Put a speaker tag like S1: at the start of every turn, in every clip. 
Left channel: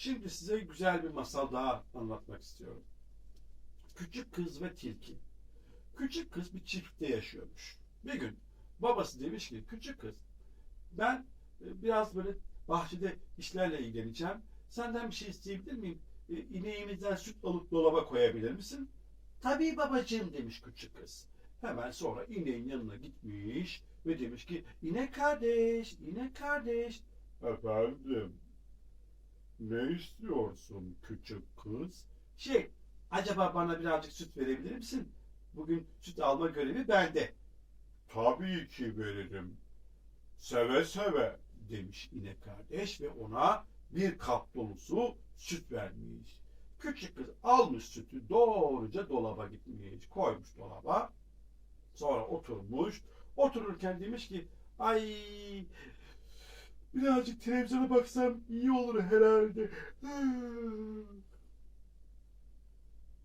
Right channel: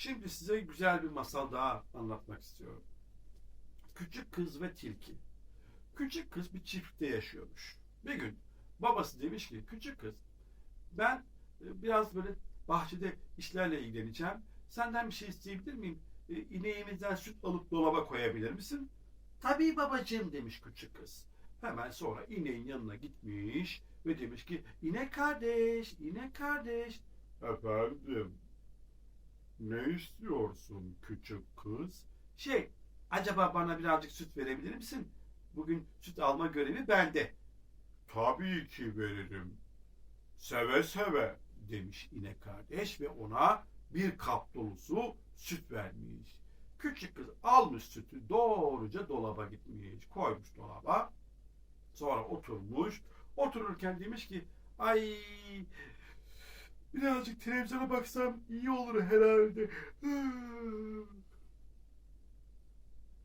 S1: Şimdi size güzel bir masal daha anlatmak istiyorum. Küçük kız ve tilki. Küçük kız bir çiftlikte yaşıyormuş. Bir gün babası demiş ki küçük kız ben e, biraz böyle bahçede işlerle ilgileneceğim. Senden bir şey isteyebilir miyim? E, İneğimizden süt alıp dolaba koyabilir misin? Tabii babacığım demiş küçük kız. Hemen sonra ineğin yanına gitmiş ve demiş ki inek kardeş, inek kardeş. Efendim, ne istiyorsun küçük kız? Şey, acaba bana birazcık süt verebilir misin? Bugün süt alma görevi bende. Tabii ki veririm. Seve seve demiş inek kardeş ve ona bir kap dolusu süt vermiş. Küçük kız almış sütü doğruca dolaba gitmiş. Koymuş dolaba. Sonra oturmuş. Otururken demiş ki ay birazcık televizyona baksam iyi olur herhalde.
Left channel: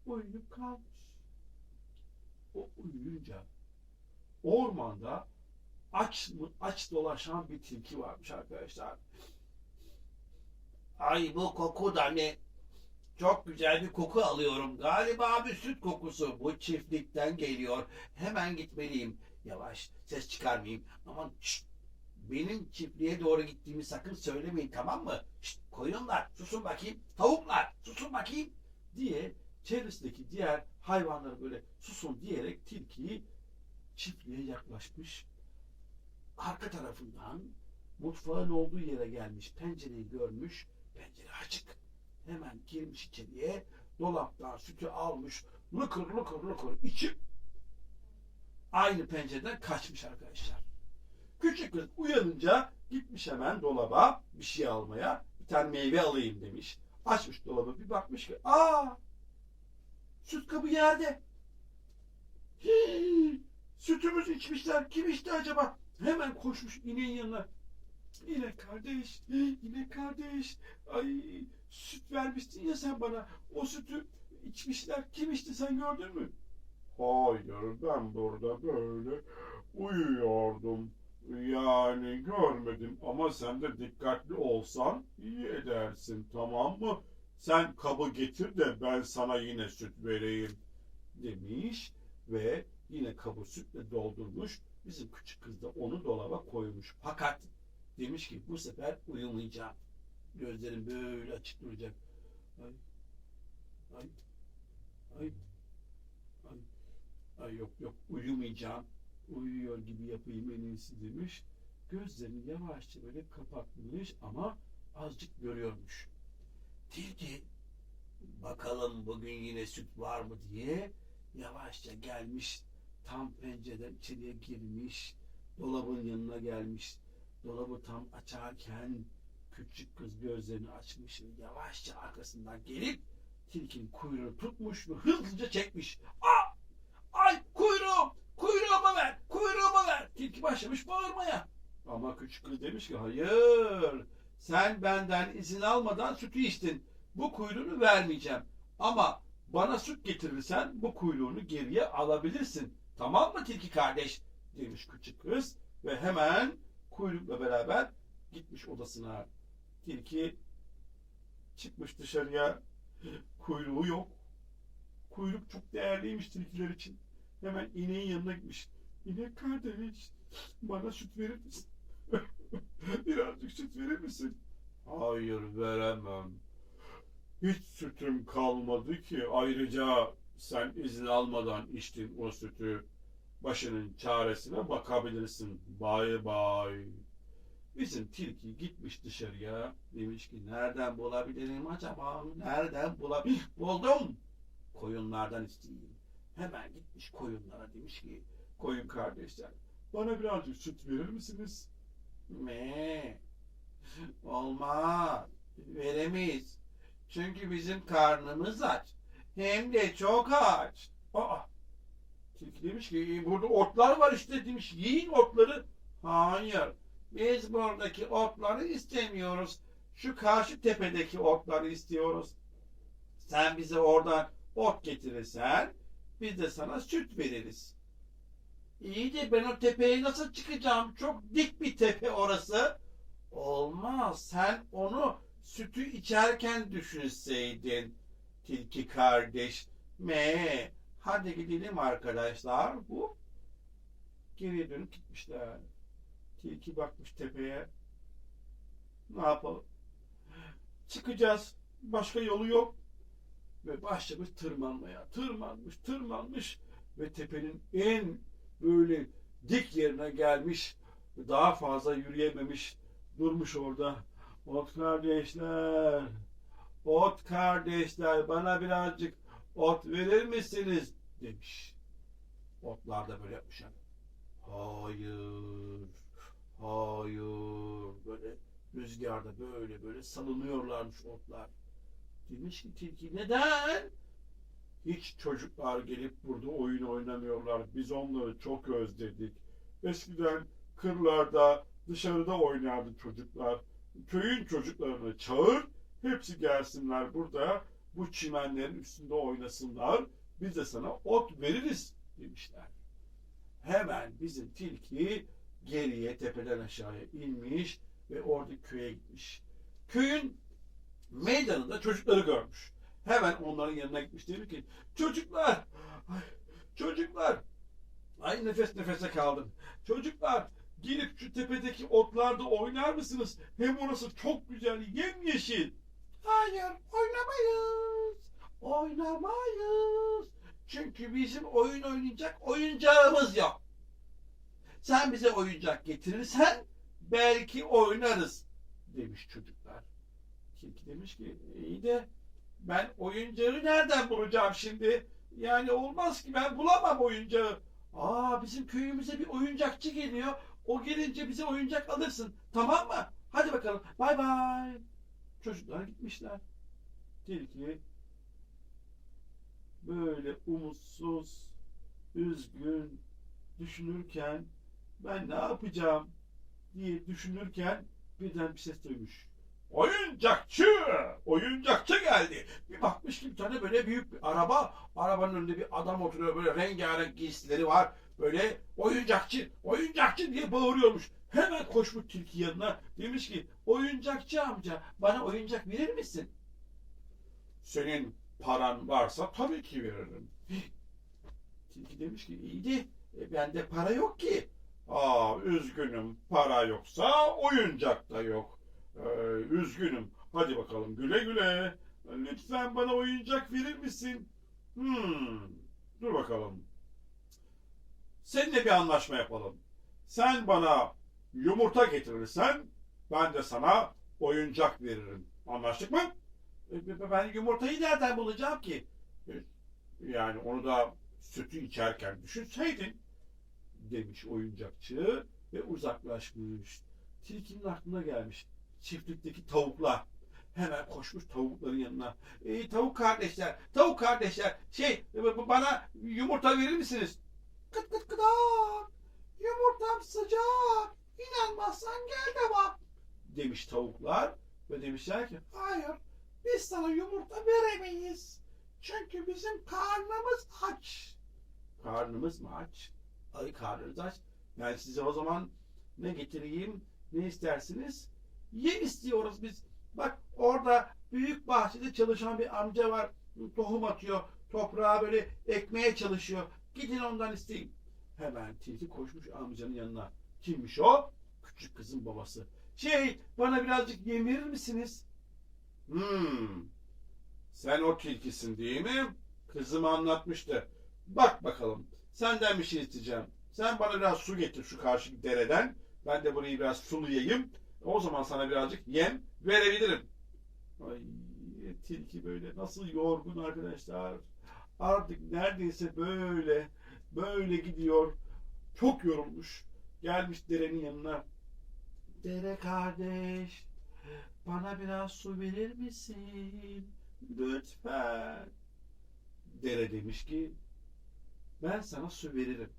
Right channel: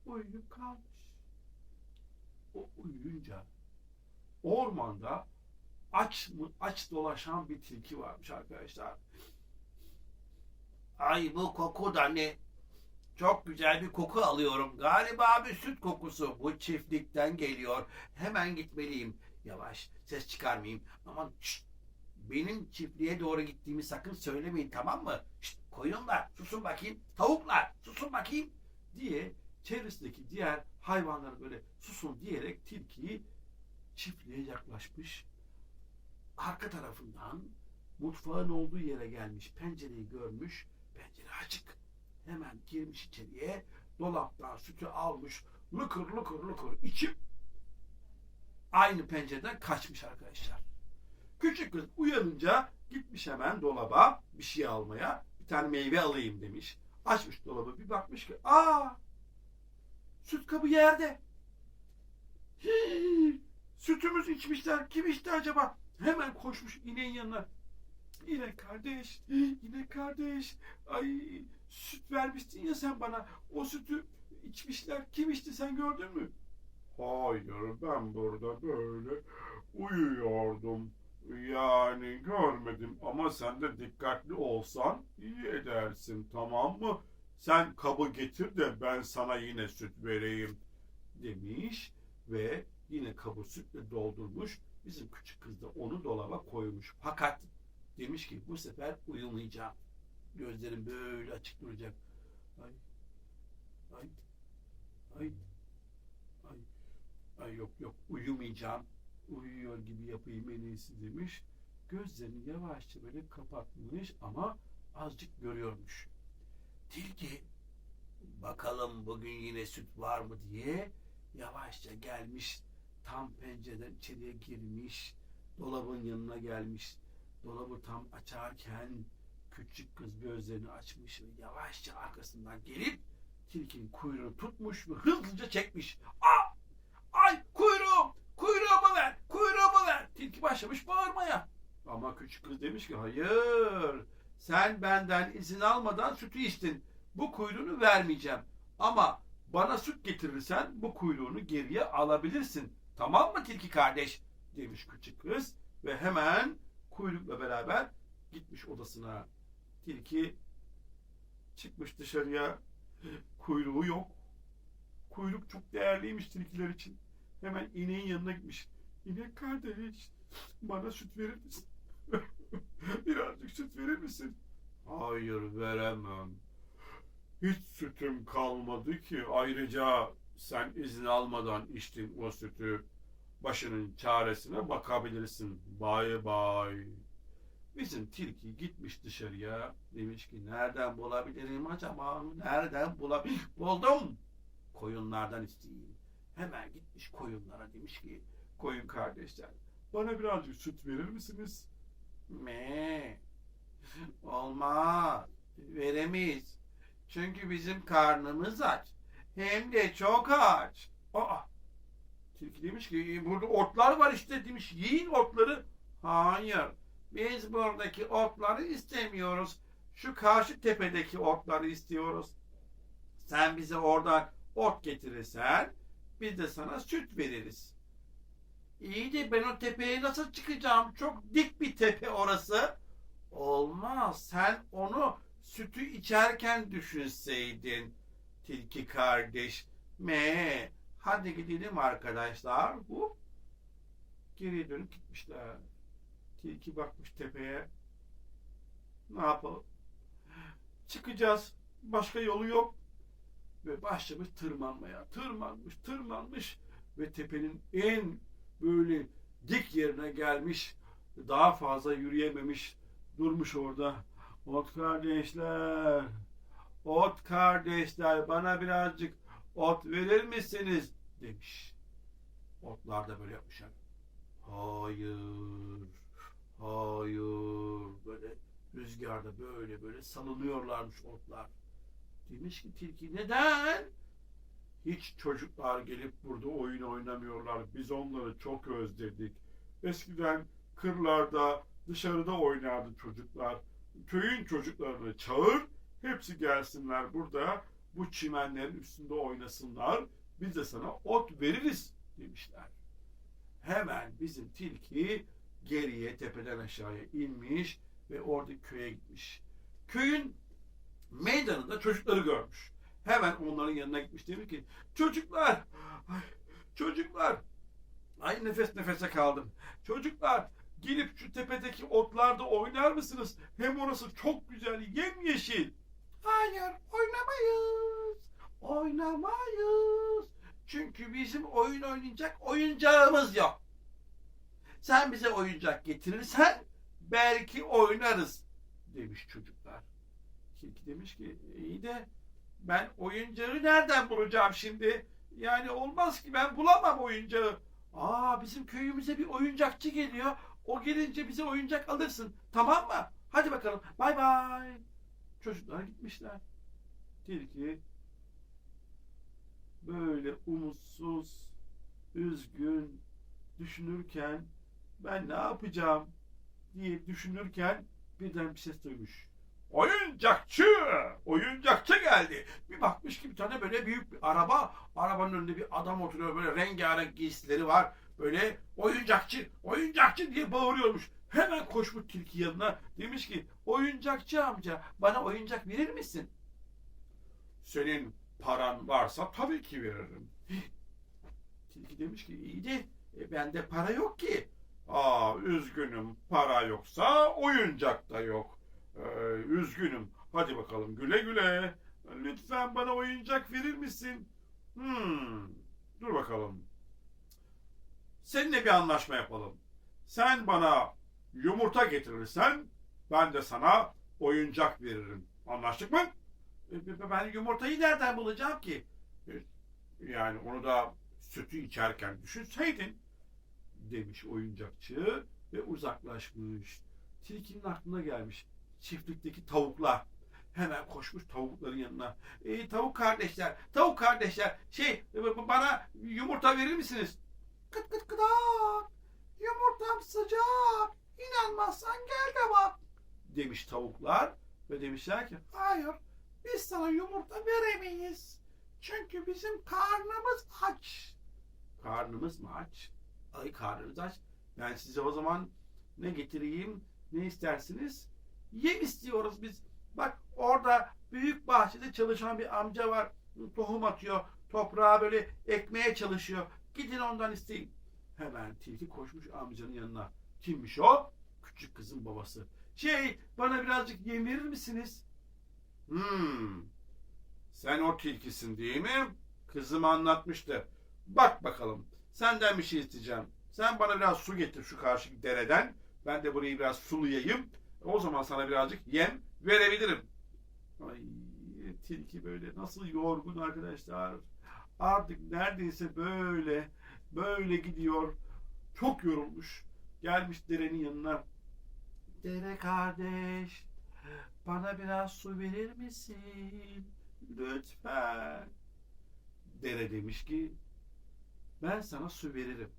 S1: Uyuyup kalmış. O uyuyunca ormanda aç aç dolaşan bir tilki varmış arkadaşlar.
S2: Ay bu koku da ne? Çok güzel bir koku alıyorum. Galiba bir süt kokusu. Bu çiftlikten geliyor. Hemen gitmeliyim. Yavaş, ses çıkarmayayım. Aman şşt! Benim çiftliğe doğru gittiğimi sakın söylemeyin tamam mı? Şşt, koyunlar susun bakayım. Tavuklar susun bakayım.
S1: diye çevresindeki diğer hayvanları böyle susun diyerek tilkiyi çiftliğe yaklaşmış. Arka tarafından mutfağın olduğu yere gelmiş. Pencereyi görmüş. Pencere açık. Hemen girmiş içeriye. Dolaptan sütü almış. Lıkır lıkır lıkır içip aynı pencereden kaçmış arkadaşlar. Küçük kız uyanınca gitmiş hemen dolaba bir şey almaya. Bir tane meyve alayım demiş. Açmış dolabı bir bakmış ki aa süt kabı yerde. Hii, sütümüz içmişler. Kim içti acaba? Hemen koşmuş ineğin yanına. İnek kardeş, inek kardeş. Ay süt vermiştin ya sen bana. O sütü içmişler. Kim içti sen gördün mü? Hayır ben burada böyle uyuyordum. Yani görmedim ama sen de dikkatli olsan iyi edersin tamam mı? Sen kabı getir de ben sana yine süt vereyim demiş ve yine kabı sütle doldurmuş. Bizim küçük kız da onu dolaba koymuş. Fakat demiş ki bu sefer uyumayacağım. Gözlerim böyle açık duracak. Ay, ay, ay, ay, ay yok yok uyumayacağım. Uyuyor gibi yapayım en iyisi demiş. Gözlerini yavaşça böyle kapatmış ama azıcık görüyormuş. Tilki bakalım bugün yine süt var mı diye yavaşça gelmiş. Tam pencereden içeriye girmiş. Dolabın yanına gelmiş. Dolabı tam açarken küçük kız gözlerini açmış ve yavaşça arkasından gelip tilkinin kuyruğunu tutmuş ve hızlıca çekmiş. Aa! Ay kuyruğum! Kuyruğumu ver! Kuyruğumu ver! Tilki başlamış bağırmaya. Ama küçük kız demiş ki hayır sen benden izin almadan sütü içtin. Bu kuyruğunu vermeyeceğim. Ama bana süt getirirsen bu kuyruğunu geriye alabilirsin. Tamam mı tilki kardeş? Demiş küçük kız ve hemen kuyrukla beraber gitmiş odasına. Tilki çıkmış dışarıya. Kuyruğu yok. Kuyruk çok değerliymiş tilkiler için. Hemen ineğin yanına gitmiş. İnek kardeş bana süt verir misin? Birazcık süt verir misin? Hayır veremem. Hiç sütüm kalmadı ki. Ayrıca sen izin almadan içtin o sütü. Başının çaresine bakabilirsin. Bay bay. Bizim tilki gitmiş dışarıya. Demiş ki nereden bulabilirim acaba? Nereden bulabilirim? Buldum. Koyunlardan isteyeyim. Hemen gitmiş koyunlara demiş ki koyun kardeşler bana birazcık süt verir misiniz? Me. Olmaz. Veremeyiz. Çünkü bizim karnımız aç. Hem de çok aç. Aa. Tilki demiş ki "E, burada otlar var işte demiş. Yiyin otları. Hayır. Biz buradaki otları istemiyoruz. Şu karşı tepedeki otları istiyoruz. Sen bize oradan ot getirirsen biz de sana süt veririz. İyi de ben o tepeye nasıl çıkacağım? Çok dik bir tepe orası. Olmaz. Sen onu
S2: sütü içerken düşünseydin tilki kardeş. Me, hadi gidelim arkadaşlar. Bu geriye dönüp gitmişler. Tilki bakmış tepeye. Ne yapalım? Çıkacağız. Başka yolu yok. Ve başlamış tırmanmaya. Tırmanmış, tırmanmış ve tepenin en böyle dik yerine gelmiş. Daha fazla yürüyememiş. Durmuş orada. Ot kardeşler, ot kardeşler bana birazcık ot verir misiniz? demiş. Otlar da böyle yapmışlar. Hayır, hayır. Böyle rüzgarda böyle böyle salınıyorlarmış otlar. Demiş ki tilki neden? Hiç çocuklar gelip burada oyun oynamıyorlar. Biz onları çok özledik. Eskiden kırlarda, dışarıda oynardı çocuklar. Köyün çocuklarını çağır, hepsi gelsinler burada. Bu çimenlerin üstünde oynasınlar. Biz de sana ot veririz demişler. Hemen bizim tilki geriye tepeden aşağıya inmiş ve orada köye gitmiş. Köyün meydanında çocukları görmüş. Hemen onların yanına gitmiş. Demiş ki çocuklar, çocuklar, ay nefes nefese kaldım. Çocuklar gelip şu tepedeki otlarda oynar mısınız? Hem orası çok güzel, yemyeşil. Hayır, oynamayız. Oynamayız. Çünkü bizim oyun oynayacak oyuncağımız yok. Sen bize oyuncak getirirsen belki oynarız demiş çocuklar. Tilki demiş ki iyi de ben oyuncağı nereden bulacağım şimdi? Yani olmaz ki ben bulamam oyuncağı. Aa bizim köyümüze bir oyuncakçı geliyor. O gelince bize oyuncak alırsın. Tamam mı? Hadi bakalım. Bay bay. Çocuklar gitmişler. Tilki böyle umutsuz, üzgün düşünürken ben ne yapacağım diye düşünürken birden bir ses duymuş. Oyuncakçı! Oyuncakçı geldi. Bir bakmış ki bir tane böyle büyük bir araba. Arabanın önünde bir adam oturuyor. Böyle rengarenk giysileri var. Böyle oyuncakçı, oyuncakçı diye bağırıyormuş. Hemen koşmuş tilki yanına. Demiş ki oyuncakçı amca bana oyuncak verir misin? Senin paran varsa tabii ki veririm. Tilki demiş ki iyi de e, bende para yok ki. Aa üzgünüm para yoksa oyuncak da yok. Ee, üzgünüm. Hadi bakalım güle güle. Lütfen bana oyuncak verir misin? Hmm. Dur bakalım. Seninle bir anlaşma yapalım. Sen bana yumurta getirirsen ben de sana oyuncak veririm. Anlaştık mı? E, Ben yumurtayı nereden bulacağım ki? E, Yani onu da sütü içerken düşünseydin demiş oyuncakçı ve uzaklaşmış. Tilkinin aklına gelmiş çiftlikteki tavuklar. Hemen koşmuş tavukların yanına. E, tavuk kardeşler, tavuk kardeşler, şey bana yumurta verir misiniz? Kıt kıt kıdak. Yumurtam sıcak. İnanmazsan gel de bak. Demiş tavuklar ve demişler ki hayır biz sana yumurta veremeyiz. Çünkü bizim karnımız aç. Karnımız mı aç? Ay karnınız aç. Ben size o zaman ne getireyim? Ne istersiniz? Yem istiyoruz biz. Bak orada büyük bahçede çalışan bir amca var. Tohum atıyor. Toprağa böyle ekmeye çalışıyor. Gidin ondan isteyin. Hemen tilki koşmuş amcanın yanına. Kimmiş o? Küçük kızın babası. Şey bana birazcık yem verir misiniz? Hmm. Sen o tilkisin değil mi? Kızım anlatmıştı. Bak bakalım. Senden bir şey isteyeceğim. Sen bana biraz su getir şu karşı dereden. Ben de burayı biraz sulayayım. O zaman sana birazcık yem verebilirim. Ay tilki böyle nasıl yorgun arkadaşlar. Artık neredeyse böyle böyle gidiyor. Çok yorulmuş. Gelmiş derenin yanına. Dere kardeş bana biraz su verir misin? Lütfen. Dere demiş ki ben sana su veririm.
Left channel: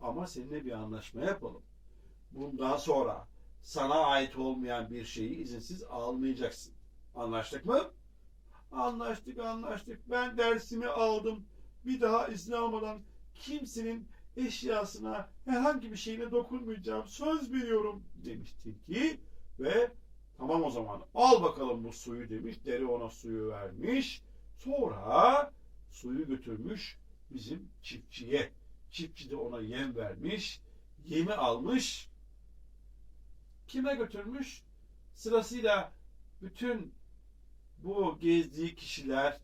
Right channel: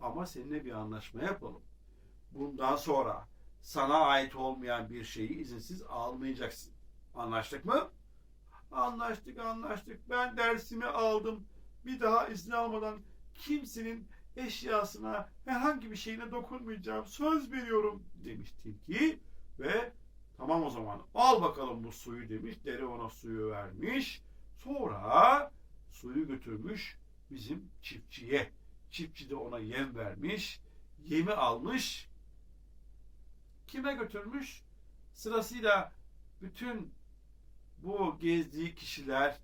S2: Ama seninle bir anlaşma yapalım. Bundan sonra sana ait olmayan bir şeyi izinsiz almayacaksın. Anlaştık mı? Anlaştık, anlaştık. Ben dersimi aldım. Bir daha izin almadan kimsenin eşyasına, herhangi bir şeyine dokunmayacağım. Söz veriyorum demiş tilki ve
S1: Tamam o zaman al bakalım bu suyu demiş. Dere ona suyu vermiş. Sonra suyu götürmüş bizim çiftçiye. Çiftçi de ona yem vermiş. Yemi almış. Kime götürmüş? Sırasıyla bütün bu gezdiği kişiler,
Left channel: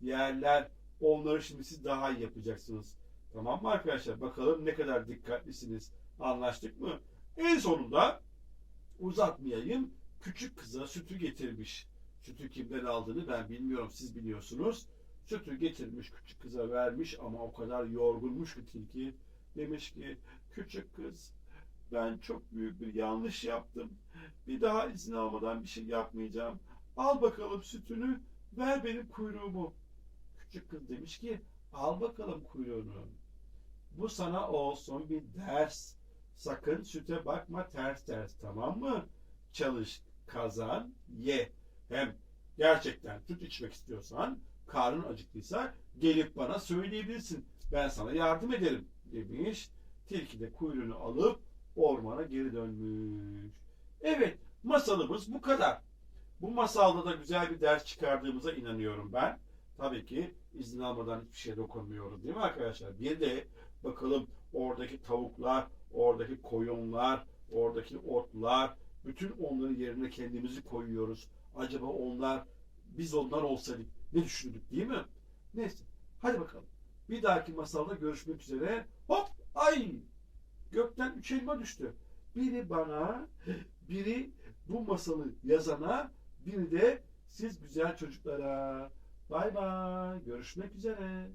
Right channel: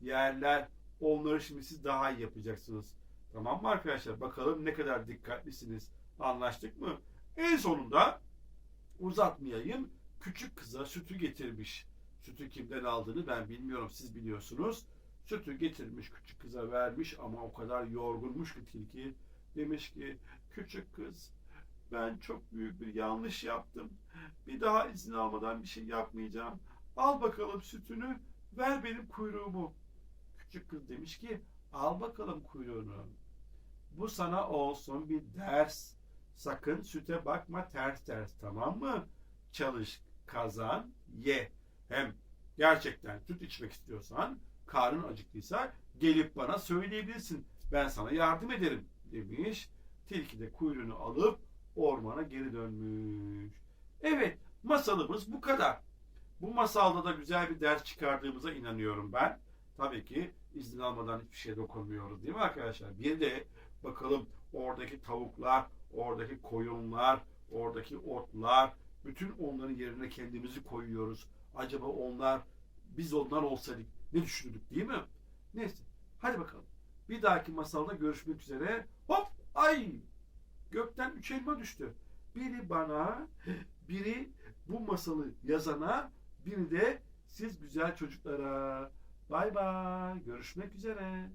S1: yerler, onları şimdi siz daha iyi yapacaksınız. Tamam mı arkadaşlar? Bakalım ne kadar dikkatlisiniz. Anlaştık mı? En sonunda uzatmayayım. Küçük kıza sütü getirmiş. Sütü kimden aldığını ben bilmiyorum. Siz biliyorsunuz. Sütü getirmiş küçük kıza vermiş ama o kadar yorgunmuş ki tilki. Demiş ki küçük kız ben çok büyük bir yanlış yaptım. Bir daha izin almadan bir şey yapmayacağım. Al bakalım sütünü ver benim kuyruğumu. Küçük kız demiş ki al bakalım kuyruğunu. Bu sana olsun bir ders. Sakın süte bakma ters ters tamam mı? Çalış, kazan, ye. Hem gerçekten süt içmek istiyorsan, karnın acıktıysa gelip bana söyleyebilirsin. Ben sana yardım ederim demiş. Tilki de kuyruğunu alıp ormana geri dönmüş. Evet, masalımız bu kadar. Bu masalda da güzel bir ders çıkardığımıza inanıyorum ben. Tabii ki izin almadan hiçbir şeye dokunmuyoruz değil mi arkadaşlar? Bir de bakalım oradaki tavuklar, oradaki koyunlar, oradaki otlar, bütün onların yerine kendimizi koyuyoruz. Acaba onlar, biz onlar olsaydık ne düşünürdük değil mi? Neyse, hadi bakalım. Bir dahaki masalda görüşmek üzere. Hop, ay! Gökten üç elma düştü. Biri bana, biri bu masalı yazana, biri de siz güzel çocuklara. Bay bay. Görüşmek üzere.